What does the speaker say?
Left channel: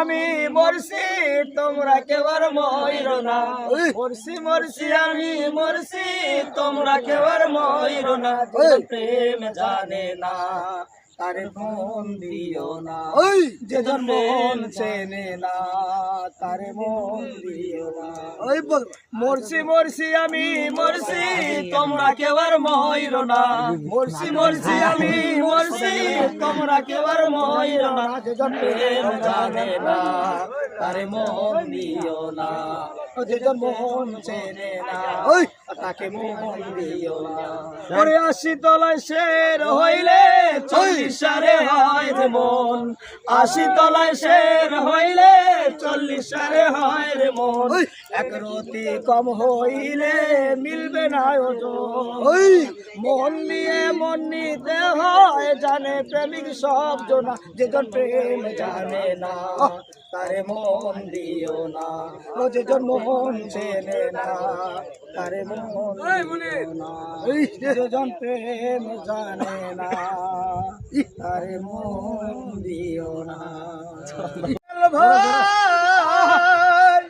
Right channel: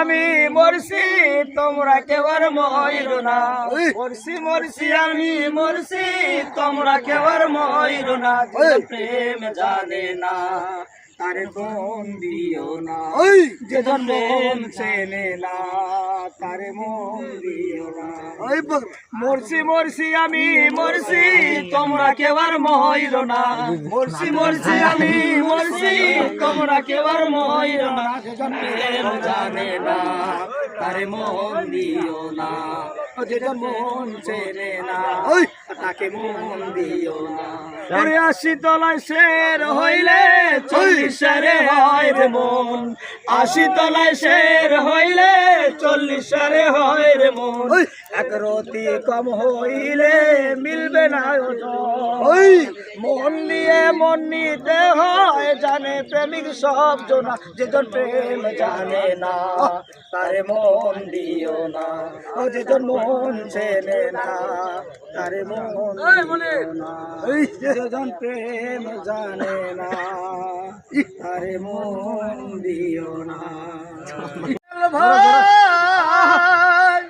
আমি মরছি তোমরা কেউ আর মইরো না, মরছি মরছি আমি মরছি তোমরা কেউ আর মইরো না। প্রেম জানে না তারে মন দিও না, যে মন চেনে না তারে মন দিও না। মরছি মরছি আমি মরছি তোমরা কেউ আর মইরো না, মরছি মরছি আমি মরছি তোমরা কেউ আর মইরো না। প্রেম জানে না তারে মন দিও না, যে মন চেনে না তাকে মন দিও না। ৮০ তলায় শের হইলে ৪০ সারে হয় রে মন, ৮০ তলায় শের হইলে ৪০ সারে হয় রে মন। এক রতি কম হইলে মিলবে না মন নিয়ে মন নিতে হয়, জানে প্রেমিক সব জনা, যেজন প্রেম জানে না তারে মন দিও না, ও যেজন মন চেনে না তারে মন দিও না, যেজন প্রেম জানে না তারে মন দিও না। ভাই